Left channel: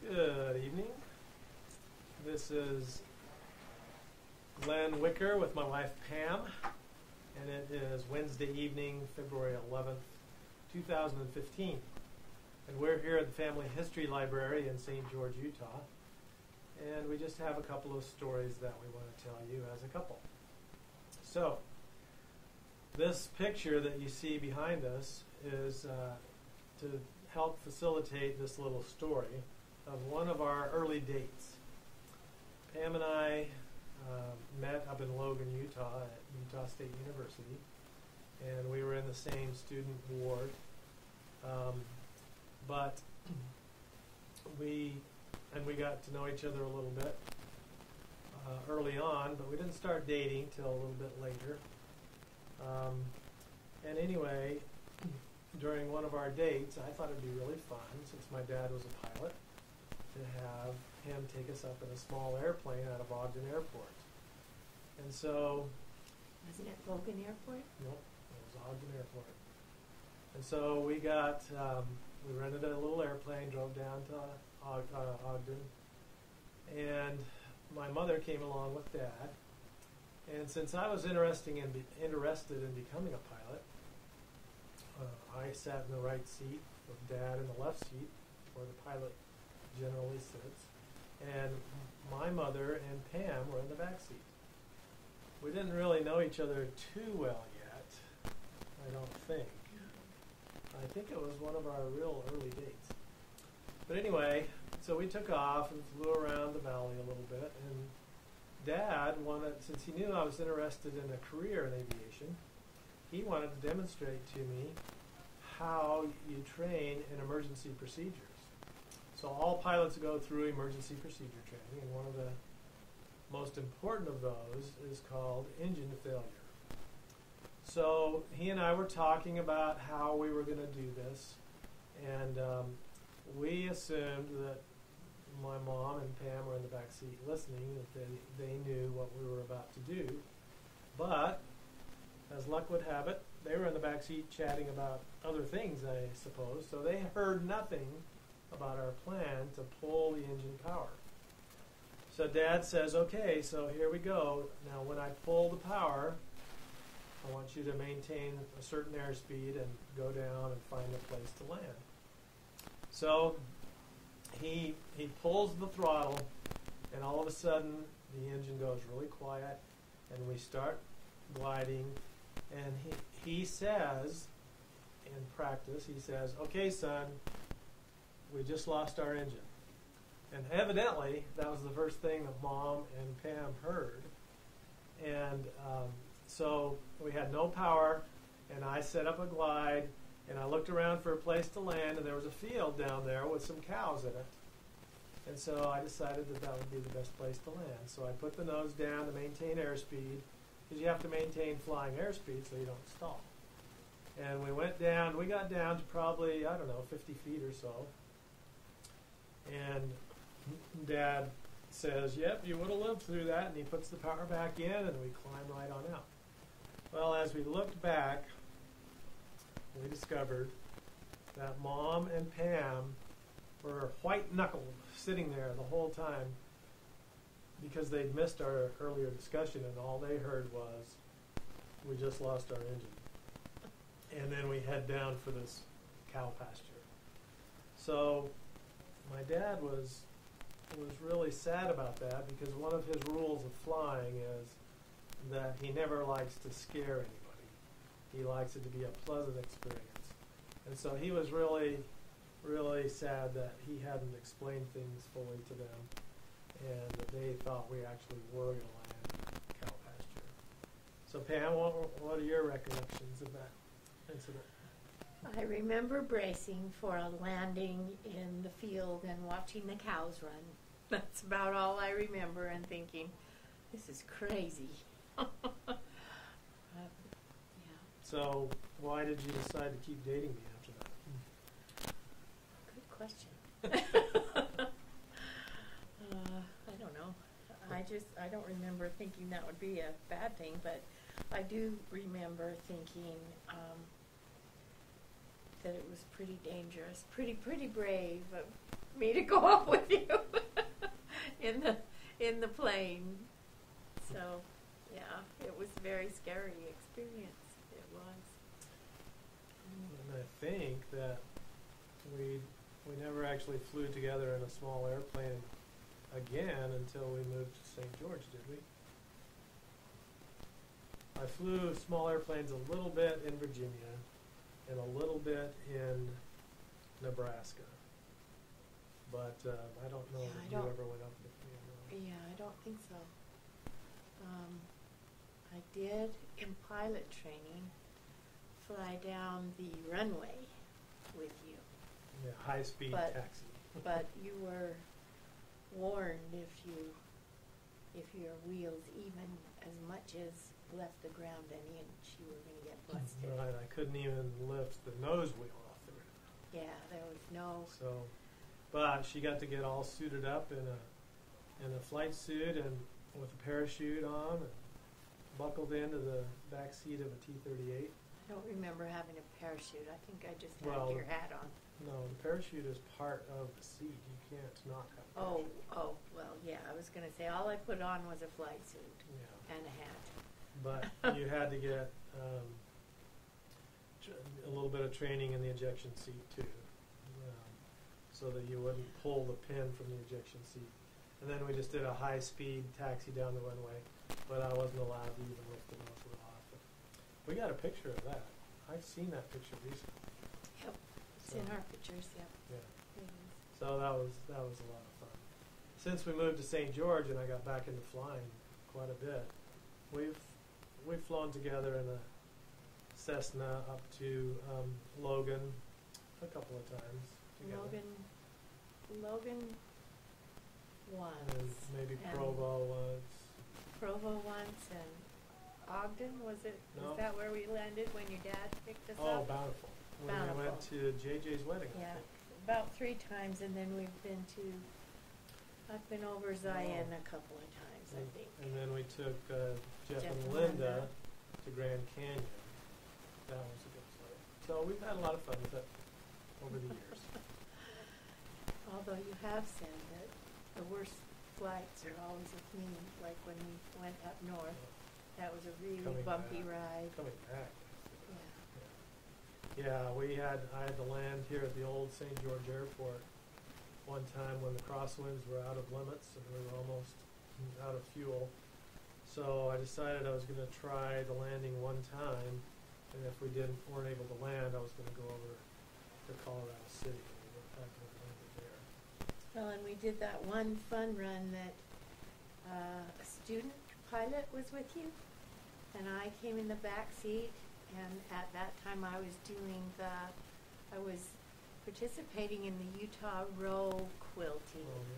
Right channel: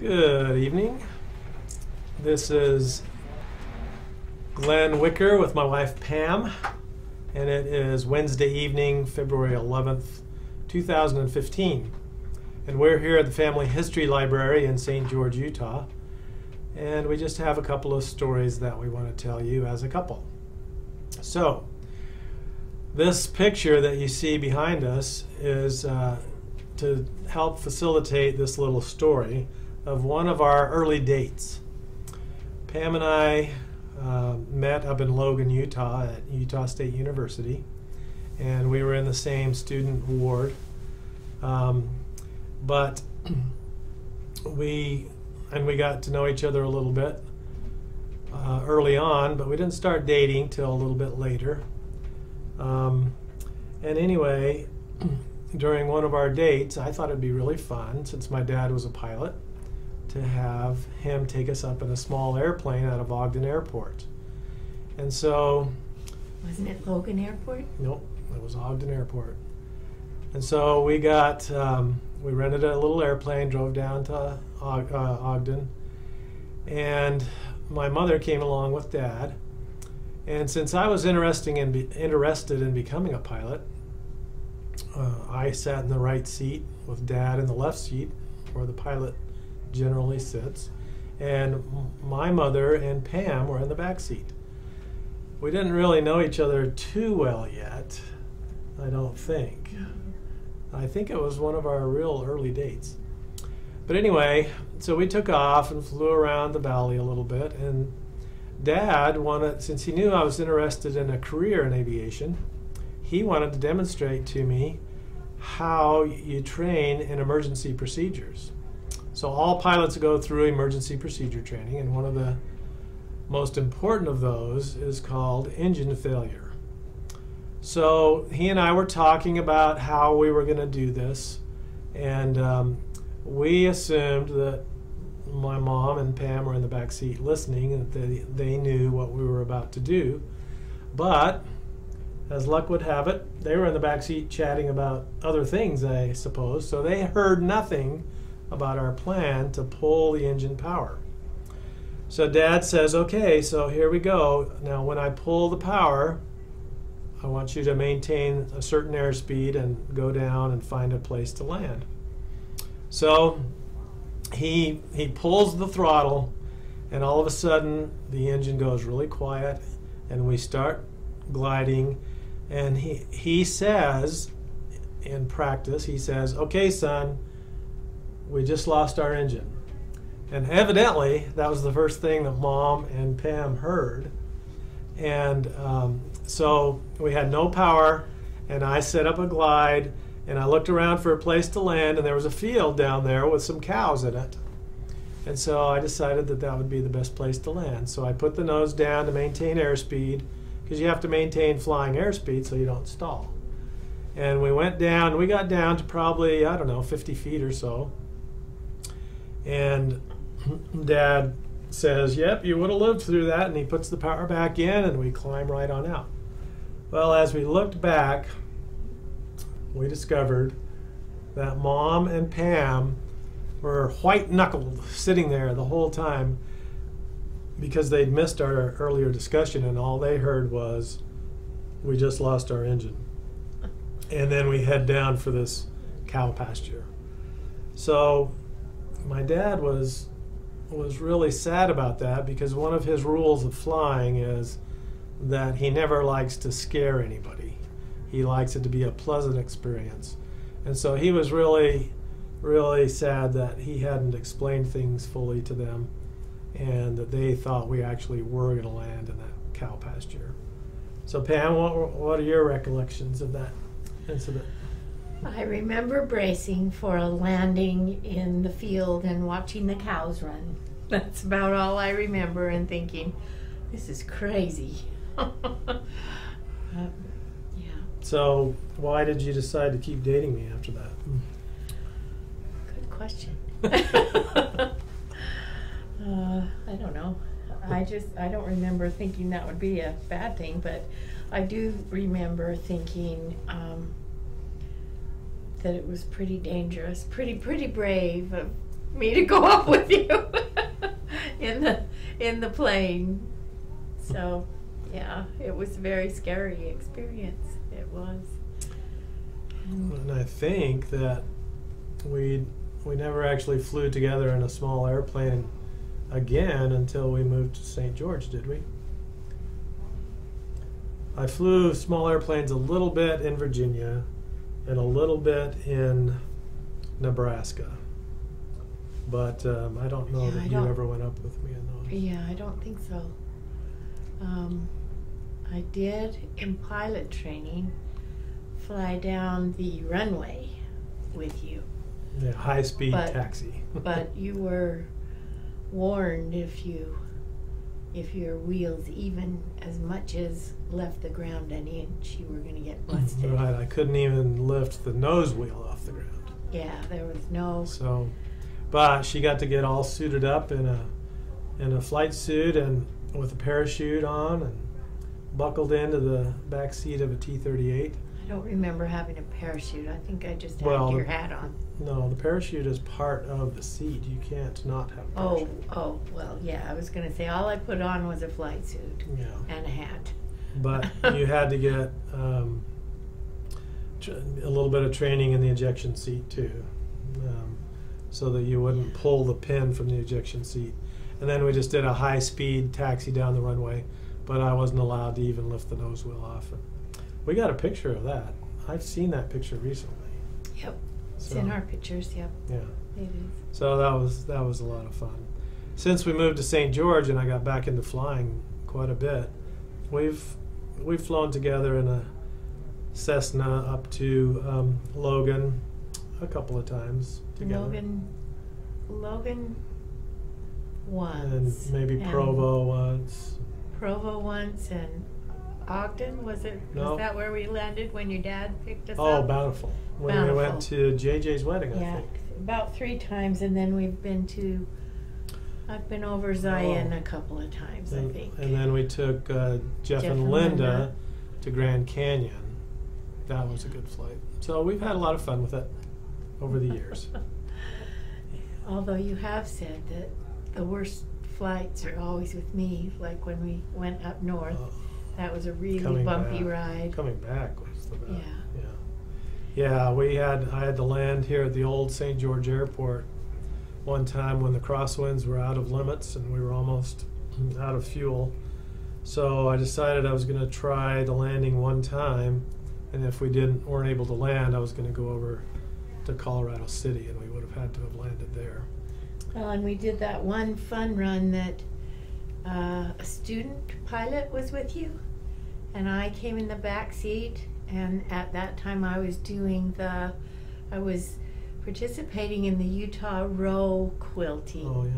Good evening. This is Glenn Wicker with my wife Pam, and it is Wednesday evening, February 11th, 2015. And we're here at the Family History Library in St. George, Utah, and we just have a couple of stories that we want to tell you as a couple. So, this picture that you see behind us is to help facilitate this little story of one of our early dates. Pam and I met up in Logan, Utah at Utah State University, and we were in the same student ward. But we got to know each other a little bit early on, but we didn't start dating till a little bit later. And anyway, during one of our dates, I thought it'd be really fun, since my dad was a pilot, to have him take us up in a small airplane out of Ogden Airport. And so... Wasn't it Logan Airport? Nope, it was Ogden Airport. And so we got, we rented a little airplane, drove down to Ogden, and my mother came along with Dad. And since I was interested in becoming a pilot, I sat in the right seat with Dad in the left seat, where the pilot generally sits, and my mother and Pam were in the back seat. We didn't really know each other too well yet, I don't think. I think it was one of our real early dates. But anyway, so we took off and flew around the valley a little bit, and Dad wanted, since he knew I was interested in a career in aviation, he wanted to demonstrate to me how you train in emergency procedures. So all pilots go through emergency procedure training, and one of the most important of those is called engine failure. So he and I were talking about how we were going to do this, and we assumed that my mom and Pam were in the back seat listening, and that they knew what we were about to do. But as luck would have it, they were in the back seat chatting about other things, I suppose, so they heard nothing about our plan to pull the engine power. So Dad says, okay, so here we go. Now when I pull the power, I want you to maintain a certain airspeed and go down and find a place to land. So he pulls the throttle, and all of a sudden the engine goes really quiet, and we start gliding, and he says, in practice, he says, okay, son, we just lost our engine. And evidently, that was the first thing that Mom and Pam heard. And so we had no power, and I set up a glide, and I looked around for a place to land, and there was a field down there with some cows in it. And so I decided that that would be the best place to land. So I put the nose down to maintain airspeed, because you have to maintain flying airspeed so you don't stall. And we went down, we got down to probably, I don't know, 50 feet or so. And Dad says, yep, you would have lived through that, and he puts the power back in, and we climb right on out. Well, as we looked back, we discovered that Mom and Pam were white-knuckled sitting there the whole time, because they'd missed our earlier discussion, and all they heard was, we just lost our engine. And then we head down for this cow pasture. So my dad was really sad about that, because one of his rules of flying is that he never likes to scare anybody. He likes it to be a pleasant experience. And so he was really, really sad that he hadn't explained things fully to them, and that they thought we actually were going to land in that cow pasture. So Pam, what are your recollections of that incident? I remember bracing for a landing in the field and watching the cows run. That's about all I remember, and thinking, this is crazy. Yeah. So why did you decide to keep dating me after that? Good question. I don't know. I don't remember thinking that would be a bad thing, but I do remember thinking that it was pretty dangerous, pretty brave of me to go up with you in the plane. So, yeah, it was a very scary experience. It was. And I think that we never actually flew together in a small airplane again until we moved to St. George, did we? I flew small airplanes a little bit in Virginia and a little bit in Nebraska. But I don't know that you ever went up with me in those. Yeah, I don't think so. I did, in pilot training, fly down the runway with you. Yeah, high-speed taxi. But you were warned if your wheels even as much as left the ground an inch, you were going to get busted. Right, I couldn't even lift the nose wheel off the ground. Yeah, there was no. So, but she got to get all suited up in a flight suit and with a parachute on and buckled into the back seat of a T-38. I don't remember having a parachute. I think I just had your hat on. No, the parachute is part of the seat. You can't not have a parachute. Oh, well, yeah, I was going to say all I put on was a flight suit and a hat. But you had to get a little bit of training in the ejection seat too, so that you wouldn't pull the pin from the ejection seat. And then we just did a high-speed taxi down the runway, but I wasn't allowed to even lift the nose wheel off. We got a picture of that. I've seen that picture recently. Yep, it's in our pictures. Yep. Yeah. It is. So that was a lot of fun. Since we moved to St. George and I got back into flying quite a bit, we've flown together in a Cessna up to Logan a couple of times together. Logan once. And maybe Provo once. Provo once and Ogden, was it? No. Was that where we landed when your dad picked us up? Oh, Bountiful. When we went to JJ's wedding, I think. About 3 times, and then I've been over Zion a couple of times, I think. And then we took Jeff and Linda to Grand Canyon. That was a good flight. So we've had a lot of fun with it over the years. Although you have said that the worst flights are always with me, like when we went up north. That was a really bumpy ride. Coming back was the best. Yeah. Yeah, I had to land here at the old St. George Airport one time when the crosswinds were out of limits and we were almost out of fuel. So I decided I was going to try the landing one time, and if we weren't able to land, I was going to go over to Colorado City, and we would have had to have landed there. Well, and we did that one fun run that a student pilot was with you, and I came in the back seat, and at that time I was participating in the Utah row quilting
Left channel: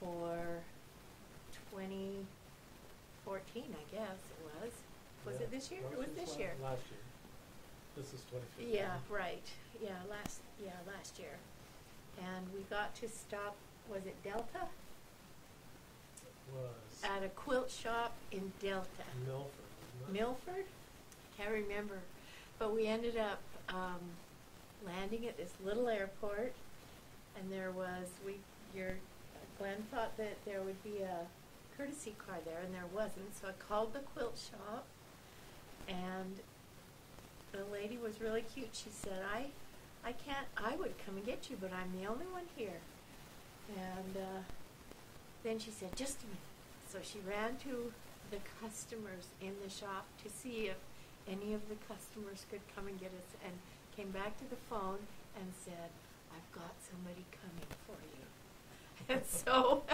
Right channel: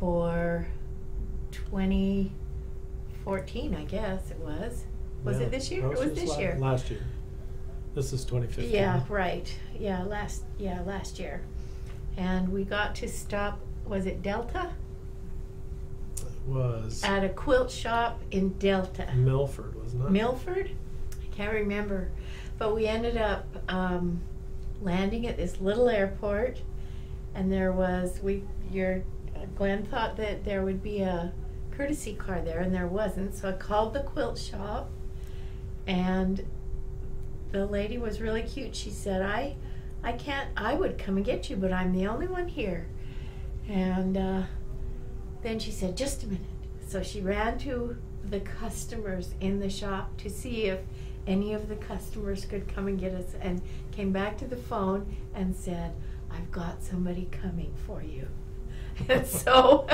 for 2014, I guess it was. Was it this year? It was this year. Last year. This is 2015. Yeah, right. Yeah, last year. And we got to stop, was it Delta? Was at a quilt shop in Delta. Milford, wasn't it? Milford? I can't remember. But we ended up landing at this little airport, and Glenn thought that there would be a courtesy car there, and there wasn't. So I called the quilt shop, and the lady was really cute. She said, I would come and get you, but I'm the only one here. And then she said, just a minute. So she ran to the customers in the shop to see if any of the customers could come and get us, and came back to the phone and said, I've got somebody coming for you. And so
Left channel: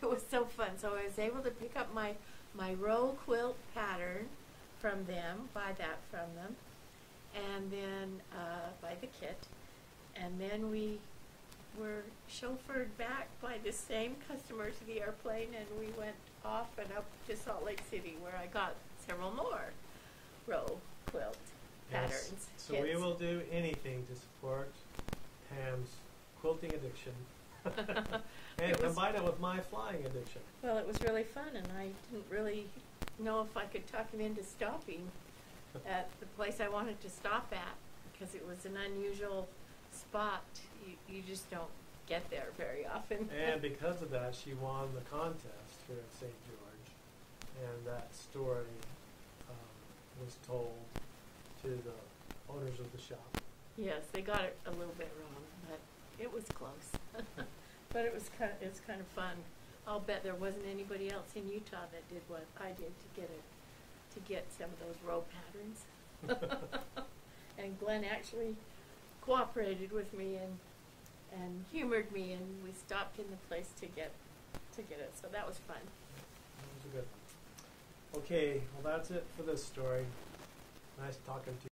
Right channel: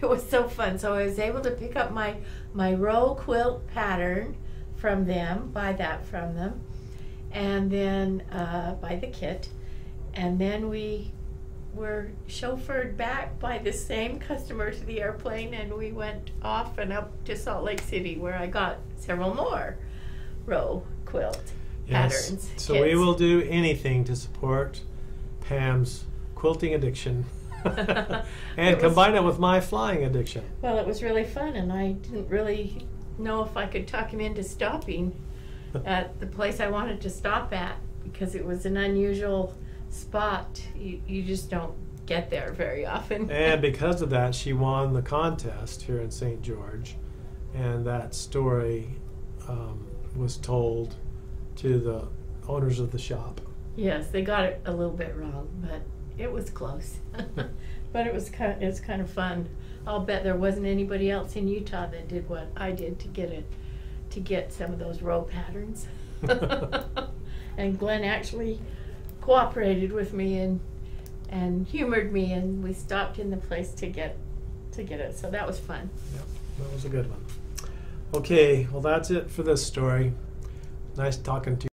it was so fun. So I was able to pick up my row quilt pattern from them, buy that from them, and then buy the kit. And then we were chauffeured back by the same customer to the airplane, and we went off and up to Salt Lake City, where I got several more row quilt patterns. So kits. we will do anything to support Pam's quilting addiction and combine it with my flying addiction. Well, it was really fun, and I didn't really know if I could talk him into stopping at the place I wanted to stop at, because it was an unusual spot. You just don't get there very often. And because of that, she won the contest here in St. George, and that story was told to the owners of the shop. Yes, they got it a little bit wrong, but it was close. But it was kind of fun. I'll bet there wasn't anybody else in Utah that did what I did to get some of those row patterns. And Glenn actually cooperated with me and humored me, and we stopped in the place to get it. So that was fun. Yep, that was a good one. Okay, well that's it for this story. Nice talking to you.